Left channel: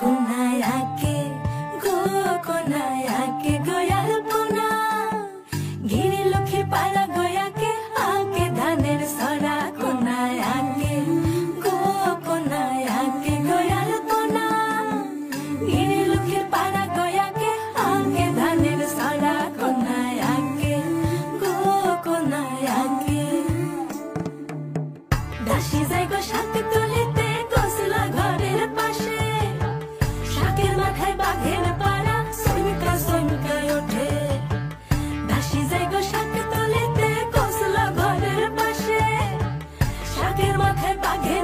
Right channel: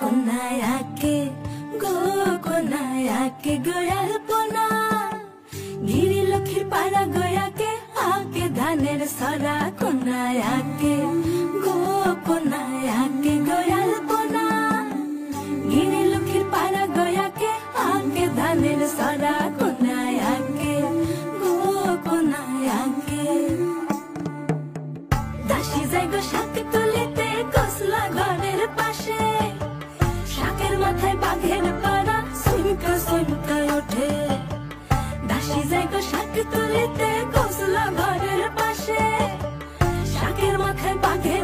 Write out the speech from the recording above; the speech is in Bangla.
কোনায়াকে গো কোনায়াকে গয়াল পোনা গিরি লক্ষ্মীর পাড়া গয়াকে আকে ধানের সরা কোনায়াকে গো কোনায়াকে গয়াল পোনা গিরি লক্ষ্মীর পাড়া গয়াকে আকে ধানের সরা কোনায়াকে গো কোনায়াকে দাসী যাই গো শাক তুলিতে গোসলা ঘরের পাশে শাকের মাথায় বাঘের পাড়া সইমকা সইমকা ওঠে দাসী যাই গো শাক তুলিতে গোসলা ঘরের পাশে শাকের মাথায় বাঘের